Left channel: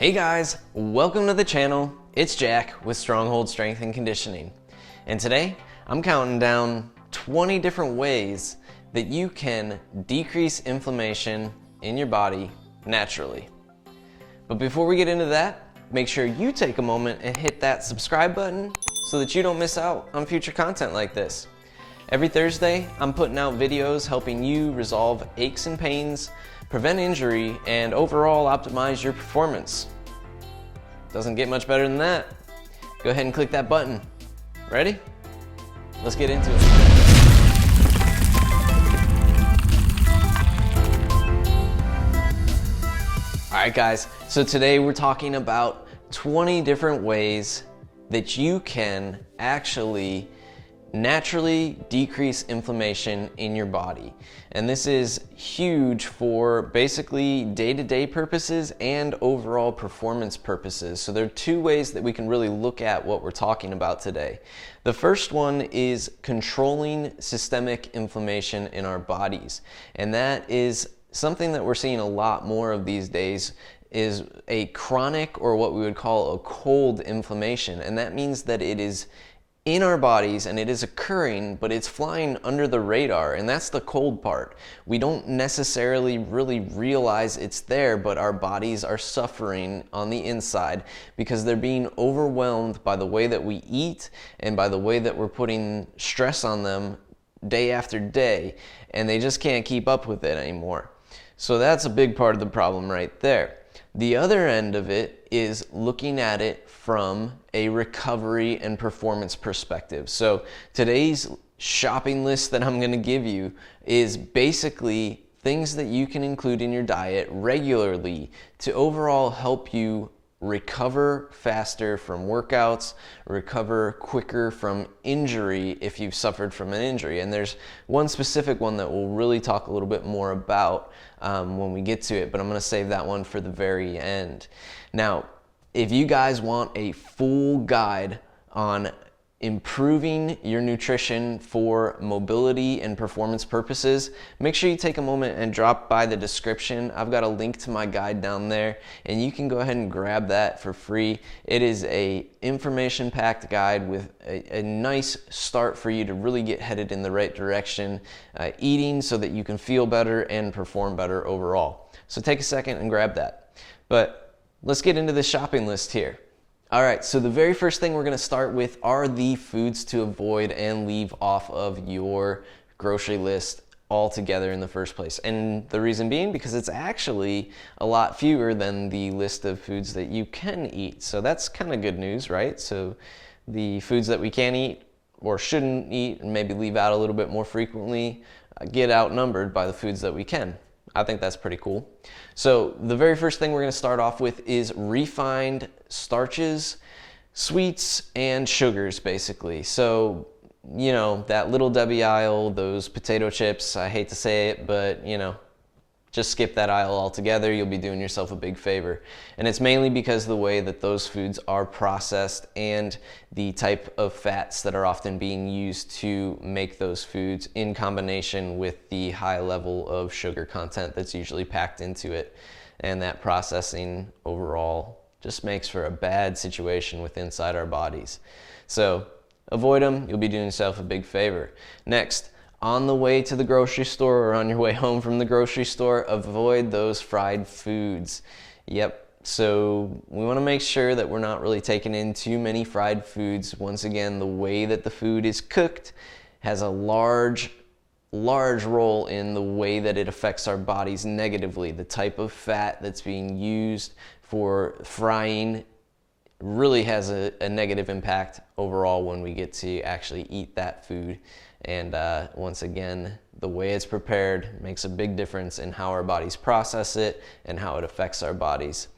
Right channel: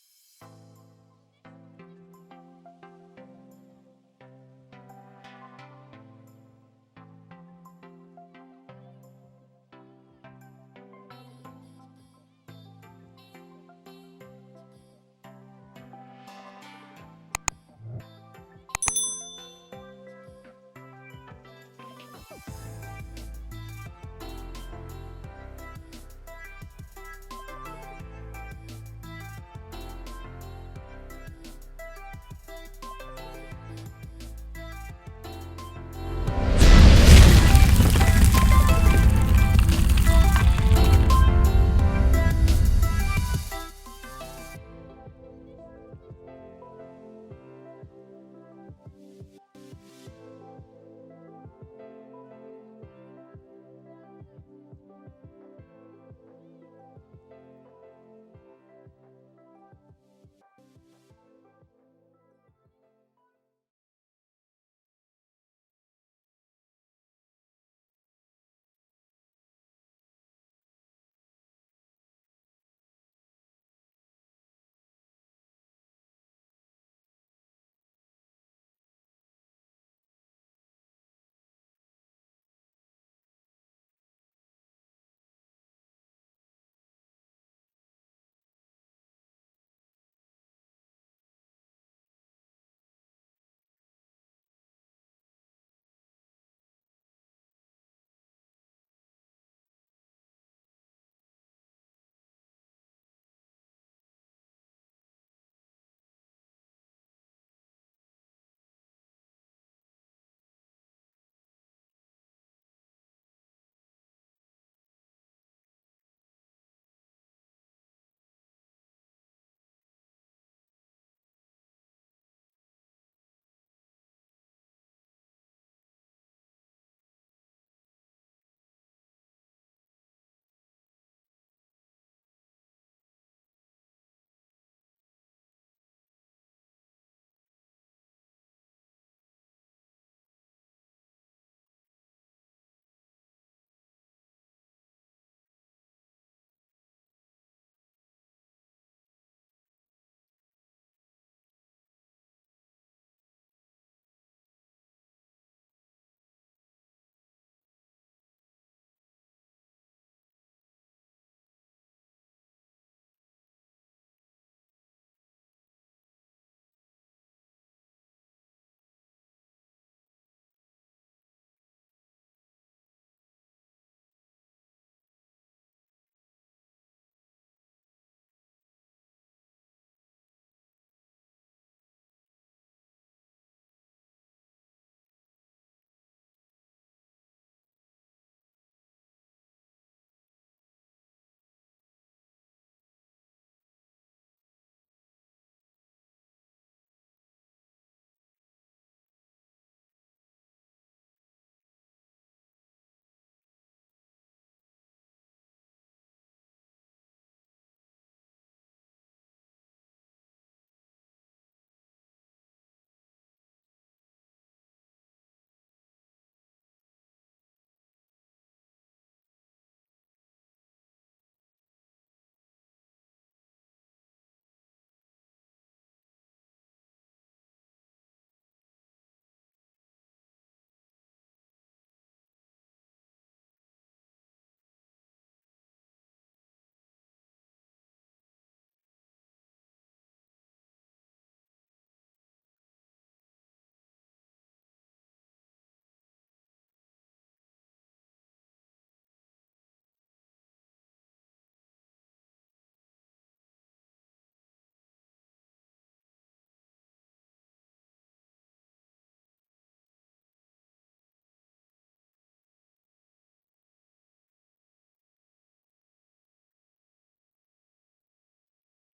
Hey guys, welcome to the channel. It's Jack with Stronghold Strength and Conditioning. And today, I'm counting down 20 different ways that you can decrease inflammation in your body naturally. But before we get into that, make sure you take a moment and hit that subscribe button so that you don't miss out on future content like this. Every Thursday, I'm putting out videos helping you resolve aches and pains, prevent injury, and overall optimize your performance. Doesn't get much better than that. Go ahead and click that button. Ready? Let's get into it. All right, guys, so today we're talking about 20 different ways that you can actually naturally decrease inflammation in your body. And this is huge for basically day-to-day purposes and overall performance purposes. So there are two ways that we can really look at what we're talking about today. The first one is controlling systemic inflammation in our bodies. And that is something that we're seeing a lot more of these days, is a chronic, or what we would call a cold inflammation. And that means that it is in our bodies and it is occurring, but it's flying under the radar, and that's the cold part. We don't necessarily really realize it's there, but our bodies are suffering on the inside because they're being overwhelmed by the way that we eat and by the way that we're putting stress on them day after day, and they just can't keep up with it anymore. So that's a big part of the problem right there. The other end of it is looking at it from a recovery and performance perspective. So today's shopping list that I'm going to give you is basically things that you can include in your diet regularly to overall help you recover faster from workouts, recover quicker from injury if you've suffered from an injury. And there's one specific one that we'll really talk a little bit more about when we get to it, but I'm going to save that one for the very end. Now, if you guys want a full guide on improving your nutrition for mobility and performance purposes, make sure you take a moment and drop by the description. I've got a link to my guide down there, and you can go ahead and grab that for free. It is a information-packed guide with a nice start for you to really get headed in the right direction, eating so that you can feel better and perform better overall. So take a second and grab that. But let's get into the shopping list here. All right, so the very first thing we're going to start with are the foods to avoid and leave off of your grocery list altogether in the first place. And the reason being because it's actually a lot fewer than the list of foods that you can eat. So that's kind of good news, right? So the foods that we can eat or shouldn't eat and maybe leave out a little bit more frequently get outnumbered by the foods that we can. I think that's pretty cool. So the very first thing we're going to start off with is refined starches, sweets, and sugars, basically. So, you know, that Little Debbie aisle, those potato chips, I hate to say it, but, you know, just skip that aisle altogether. You'll be doing yourself a big favor. And it's mainly because of the way that those foods are processed and the type of fats that are often being used to make those foods in combination with the high level of sugar content that's usually packed into it. And that processing overall just makes for a bad situation with inside our bodies. So avoid them. You'll be doing yourself a big favor. Next, on the way to the grocery store or on your way home from the grocery store, avoid those fried foods. Yep, so we want to make sure that we're not really taking in too many fried foods. Once again, the way that the food is cooked has a large role in the way that it affects our bodies negatively. The type of fat that's being used for frying really has a negative impact overall when we get to actually eat that food. And once again, the way it's prepared makes a big difference in how our bodies process it and how it affects our bodies.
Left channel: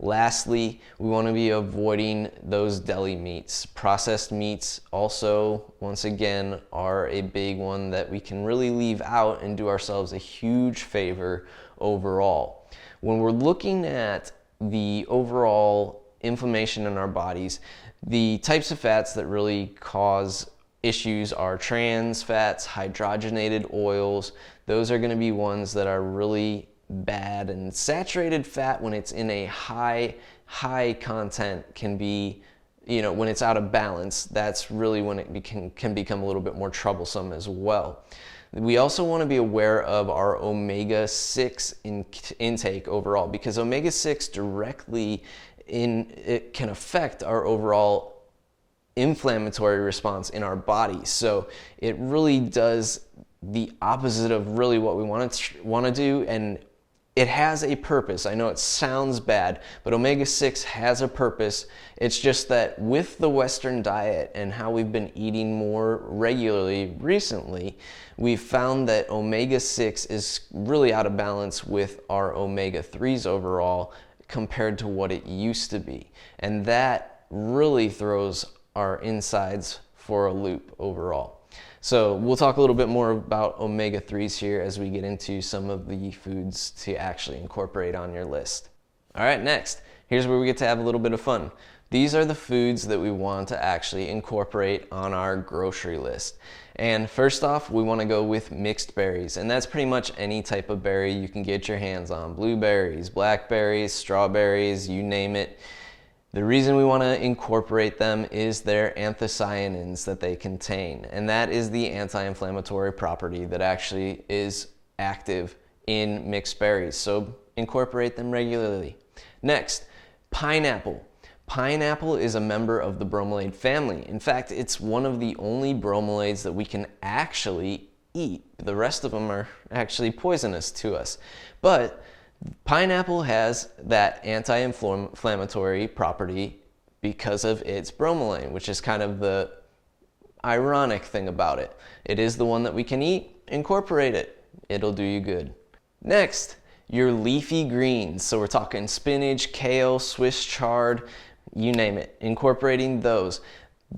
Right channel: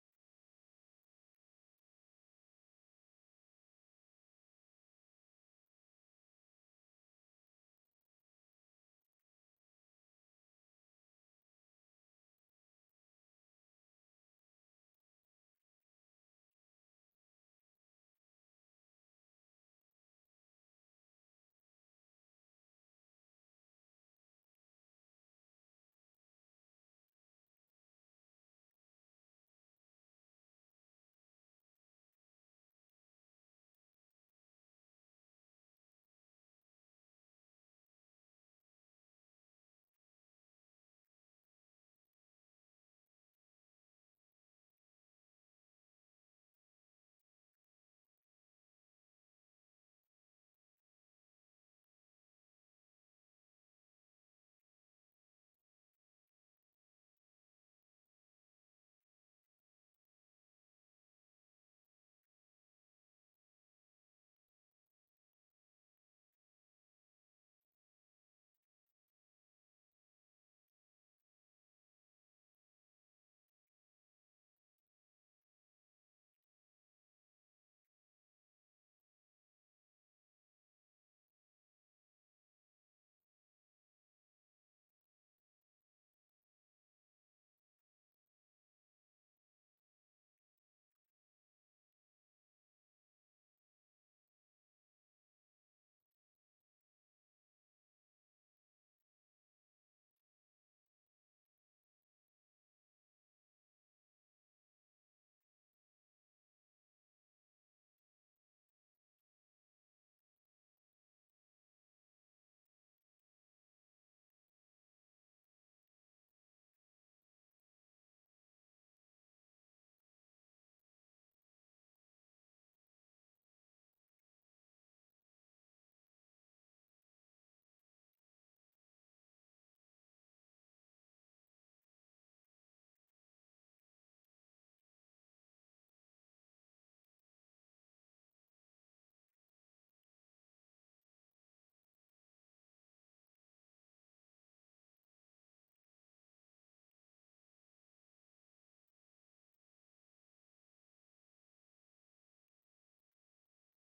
Lastly, we want to be avoiding those deli meats. Processed meats also, once again, are a big one that we can really leave out and do ourselves a huge favor overall. When we're looking at the overall inflammation in our bodies, the types of fats that really cause issues are trans fats, hydrogenated oils. Those are going to be ones that are really bad. And saturated fat, when it's in a high content, can be, when it's out of balance, that's really when it can become a little bit more troublesome as well. We also want to be aware of our omega-6 intake overall, because omega-6 directly it can affect our overall inflammatory response in our body. So it really does the opposite of really what we want to do, and it has a purpose. I know it sounds bad, but omega-6 has a purpose. It's just that with the Western diet and how we've been eating more regularly recently, we've found that omega-6 is really out of balance with our omega-3s overall compared to what it used to be. And that really throws our insides for a loop overall. So we'll talk a little bit more about omega-3s here as we get into some of the foods to actually incorporate on your list. All right, next, here's where we get to have a little bit of fun. These are the foods that we want to actually incorporate on our grocery list. And first off, we want to go with mixed berries, and that's pretty much any type of berry you can get your hands on. Blueberries, blackberries, strawberries, you name it. The reason we want to incorporate them is their anthocyanins that they contain, and that is the anti-inflammatory property that actually is active in mixed berries. So incorporate them regularly. Next, pineapple. Pineapple is a member of the bromelade family. In fact, it's one of the only bromelates that we can actually eat. The rest of them are actually poisonous to us. But pineapple has that anti-inflammatory property because of its bromelain, which is kind of the ironic thing about it. It is the one that we can eat. Incorporate it. It'll do you good. Next, your leafy greens. So we're talking spinach, kale, Swiss chard, you name it. Incorporating those.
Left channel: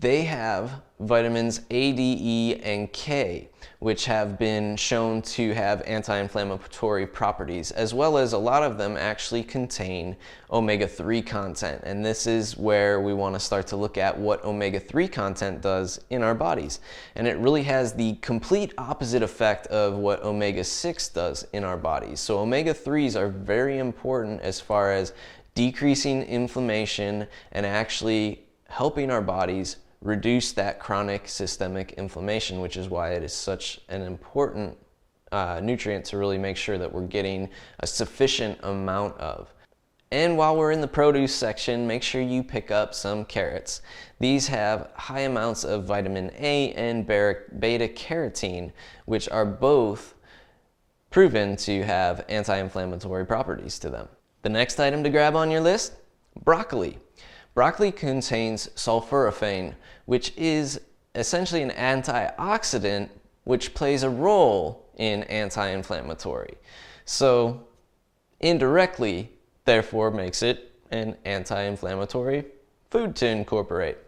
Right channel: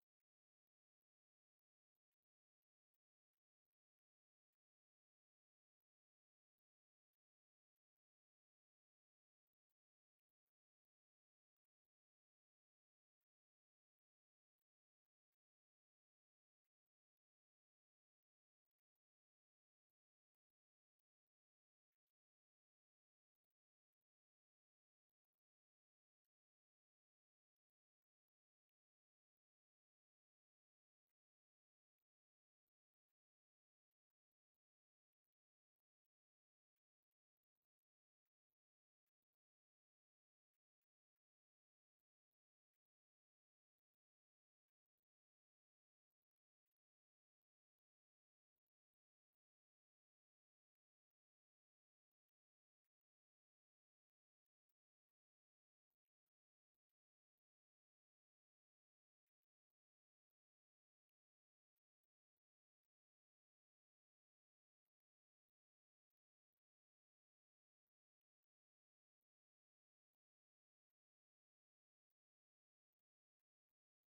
They have vitamins A, D, E, and K, which have been shown to have anti-inflammatory properties, as well as a lot of them actually contain omega-3 content. And this is where we want to start to look at what omega-3 content does in our bodies. And it really has the complete opposite effect of what omega-6 does in our bodies. So omega-3s are very important as far as decreasing inflammation and actually helping our bodies reduce that chronic systemic inflammation, which is why it is such an important nutrient to really make sure that we're getting a sufficient amount of. And while we're in the produce section, make sure you pick up some carrots. These have high amounts of vitamin A and beta carotene, which are both proven to have anti-inflammatory properties to them. The next item to grab on your list, broccoli. Broccoli contains sulforaphane, which is essentially an antioxidant which plays a role in anti-inflammatory. So indirectly, therefore, makes it an anti-inflammatory food to incorporate.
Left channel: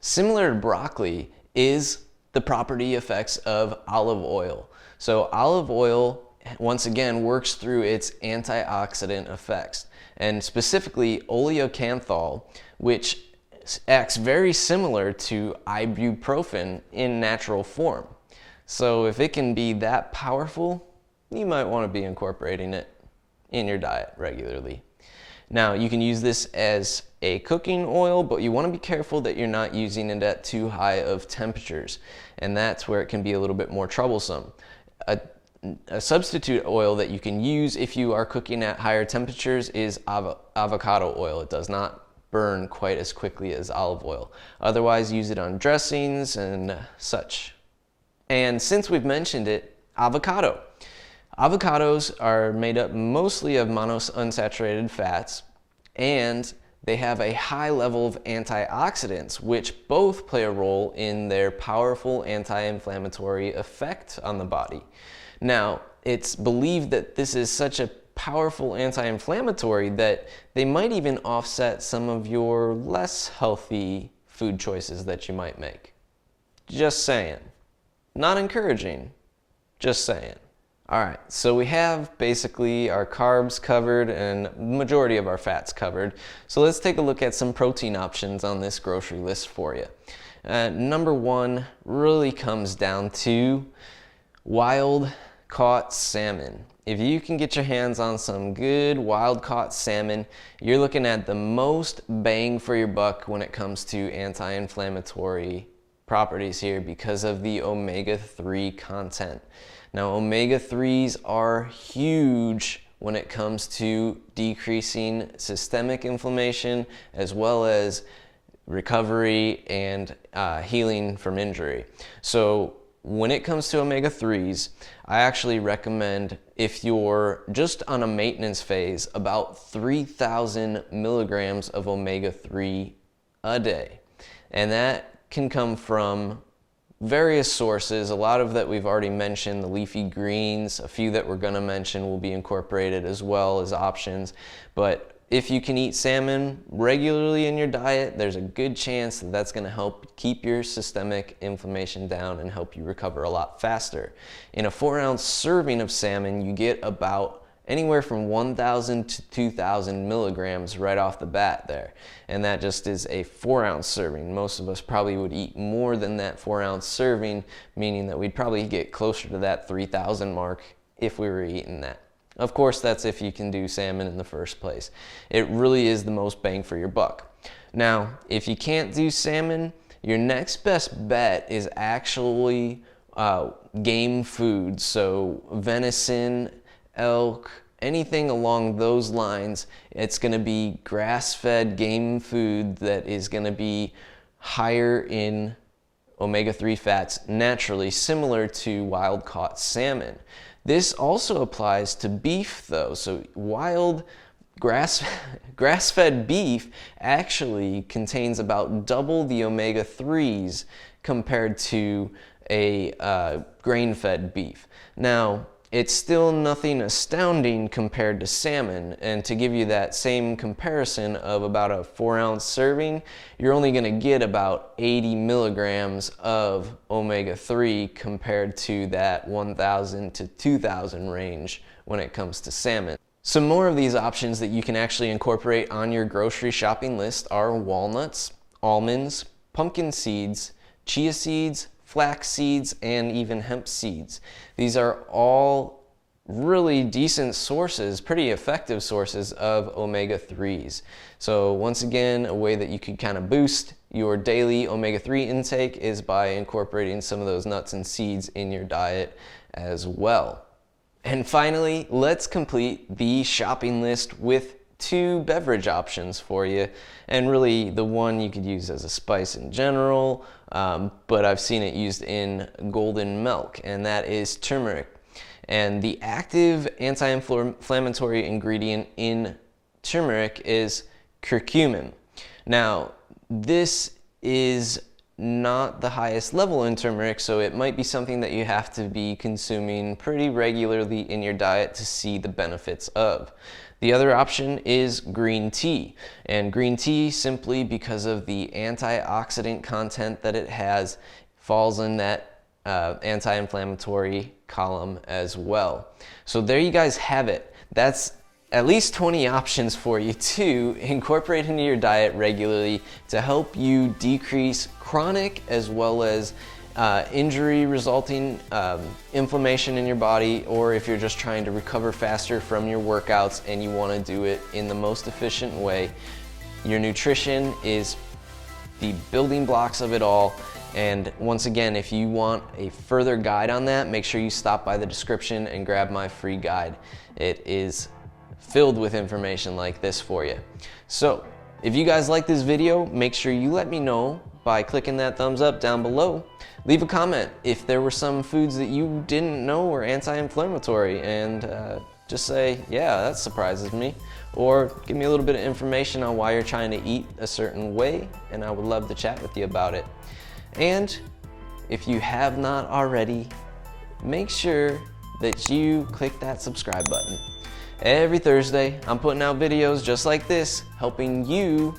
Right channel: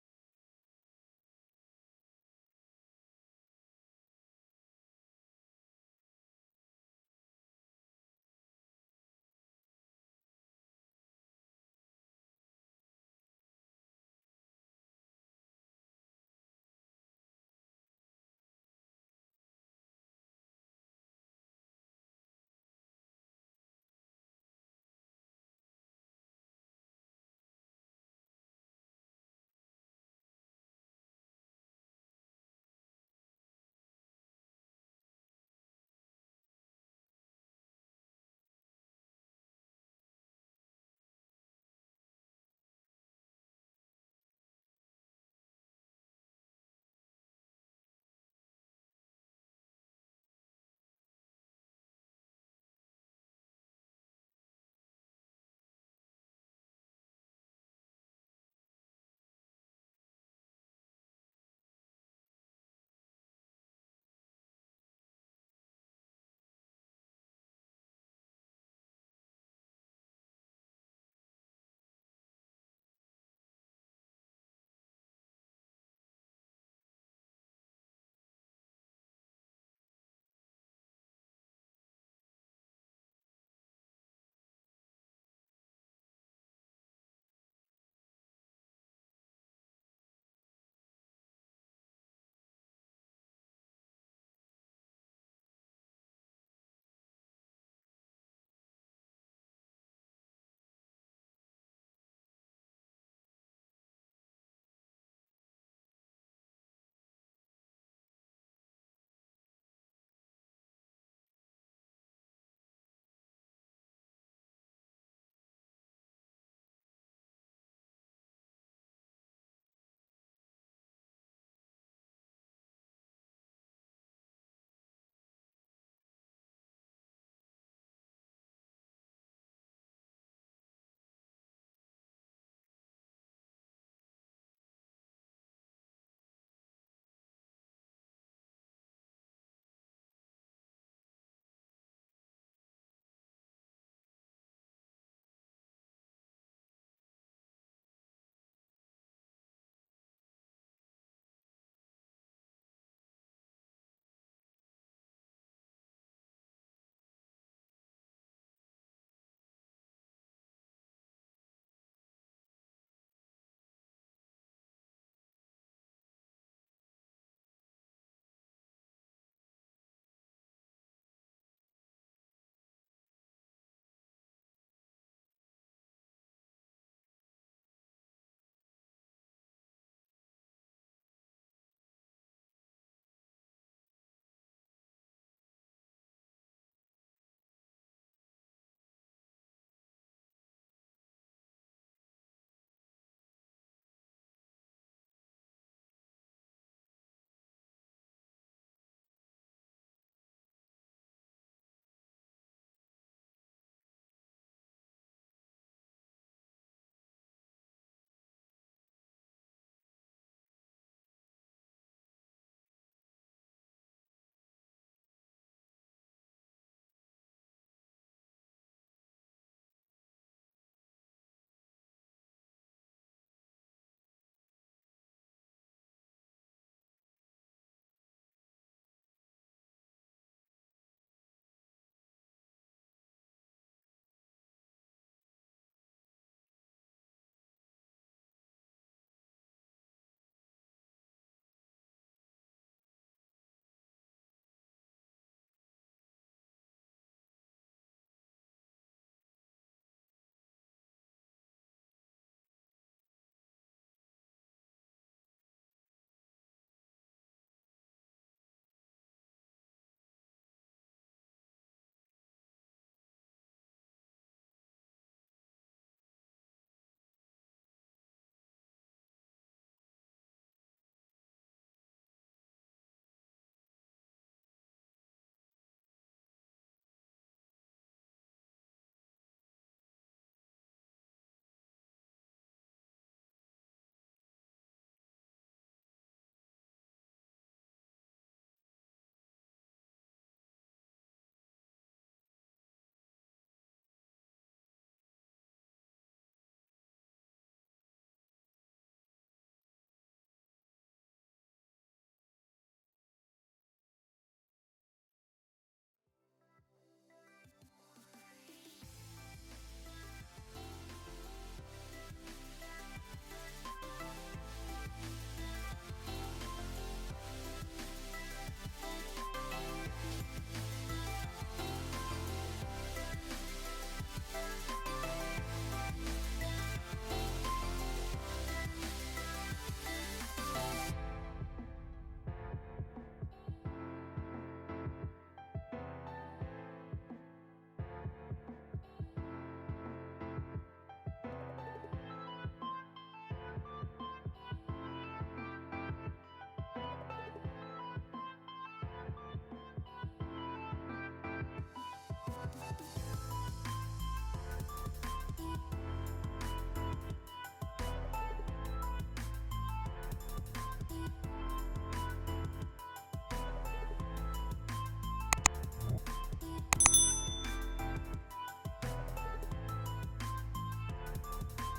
Similar to broccoli is the property effects of olive oil. So olive oil, once again, works through its antioxidant effects, and specifically oleocanthal, which acts very similar to ibuprofen in natural form. So if it can be that powerful, you might want to be incorporating it in your diet regularly. Now, you can use this as a cooking oil, but you want to be careful that you're not using it at too high of temperatures, and that's where it can be a little bit more troublesome. A substitute oil that you can use if you are cooking at higher temperatures is avocado oil. It does not burn quite as quickly as olive oil. Otherwise, use it on dressings and such. And since we've mentioned it, avocado. Avocados are made up mostly of monounsaturated fats, and they have a high level of antioxidants, which both play a role in their powerful anti-inflammatory effect on the body. Now, it's believed that this is such a powerful anti-inflammatory that they might even offset some of your less healthy food choices that you might make. Just saying. Not encouraging, just saying. All right, so we have basically our carbs covered and the majority of our fats covered. So let's take a look at some protein options on this grocery list for you. Number one really comes down to wild caught salmon. If you can get your hands on some good wild-caught salmon, you're looking at the most bang for your buck when it comes to anti-inflammatory properties here because of the omega-3 content. Now, omega-3s are huge when it comes to decreasing systemic inflammation as well as recovery and healing from injury. So when it comes to omega-3s, I actually recommend, if you're just on a maintenance phase, about 3,000 milligrams of omega-3 a day. And that can come from various sources. A lot of that we've already mentioned, the leafy greens, a few that we're going to mention will be incorporated as well as options. But if you can eat salmon regularly in your diet, there's a good chance that that's going to help keep your systemic inflammation down and help you recover a lot faster. In a 4-ounce serving of salmon, you get about anywhere from 1,000 to 2,000 milligrams right off the bat there. And that just is a 4-ounce serving. Most of us probably would eat more than that 4-ounce serving, meaning that we'd probably get closer to that 3,000 mark if we were eating that. Of course, that's if you can do salmon in the first place. It really is the most bang for your buck. Now, if you can't do salmon, your next best bet is actually game food. So venison, elk, anything along those lines. It's going to be grass-fed game food that is going to be higher in omega-3 fats naturally, similar to wild-caught salmon. This also applies to beef though. So wild grass-fed beef actually contains about double the omega-3s compared to a grain-fed beef. Now, it's still nothing astounding compared to salmon, and to give you that same comparison of about a 4-ounce serving, you're only going to get about 80 milligrams of omega-3 compared to that 1,000 to 2,000 range when it comes to salmon. Some more of these options that you can actually incorporate on your grocery shopping list are walnuts, almonds, pumpkin seeds, chia seeds, flax seeds, and even hemp seeds. These are all really decent sources, pretty effective sources of omega-3s. So once again, a way that you could kind of boost your daily omega-3 intake is by incorporating some of those nuts and seeds in your diet as well. And finally, let's complete the shopping list with 2 beverage options for you, and really the one you could use as a spice in general, but I've seen it used in golden milk, and that is turmeric. And the active anti-inflammatory ingredient in turmeric is curcumin. Now, this is not the highest level in turmeric, so it might be something that you have to be consuming pretty regularly in your diet to see the benefits of. The other option is green tea, and green tea, simply because of the antioxidant content that it has, falls in that anti-inflammatory column as well. So there you guys have it. That's at least 20 options for you to incorporate into your diet regularly to help you decrease chronic as well as injury resulting inflammation in your body, or if you're just trying to recover faster from your workouts and you want to do it in the most efficient way. Your nutrition is the building blocks of it all. And once again, if you want a further guide on that, make sure you stop by the description and grab my free guide. It is filled with information like this for you. So if you guys like this video, make sure you let me know by clicking that thumbs up down below. Leave a comment if there were some foods that you didn't know were anti-inflammatory, and just say, yeah, that surprises me. Or give me a little bit of information on why you're trying to eat a certain way, and I would love to chat with you about it. And if you have not already, make sure that you click that subscribe button. Every Thursday, I'm putting out videos just like this, helping you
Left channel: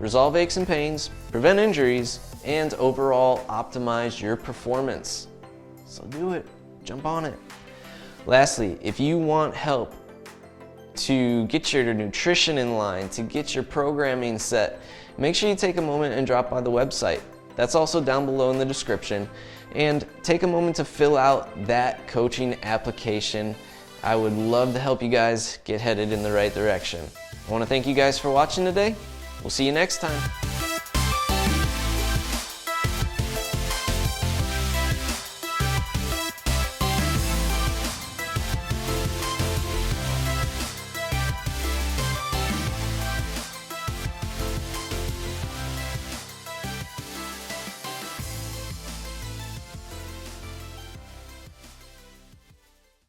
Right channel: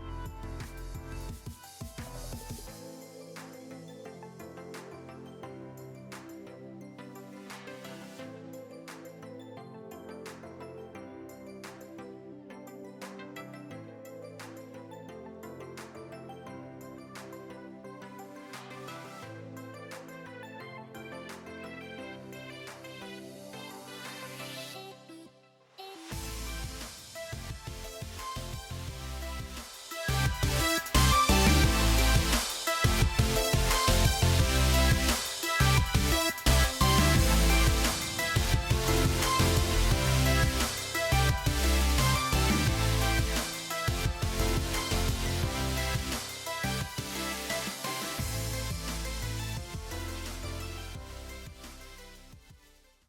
resolve aches and pains, prevent injuries, and overall optimize your performance. So do it, jump on it. Lastly, if you want help to get your nutrition in line, to get your programming set, make sure you take a moment and drop by the website. That's also down below in the description. And take a moment to fill out that coaching application. I would love to help you guys get headed in the right direction. I want to thank you guys for watching today. We'll see you next time.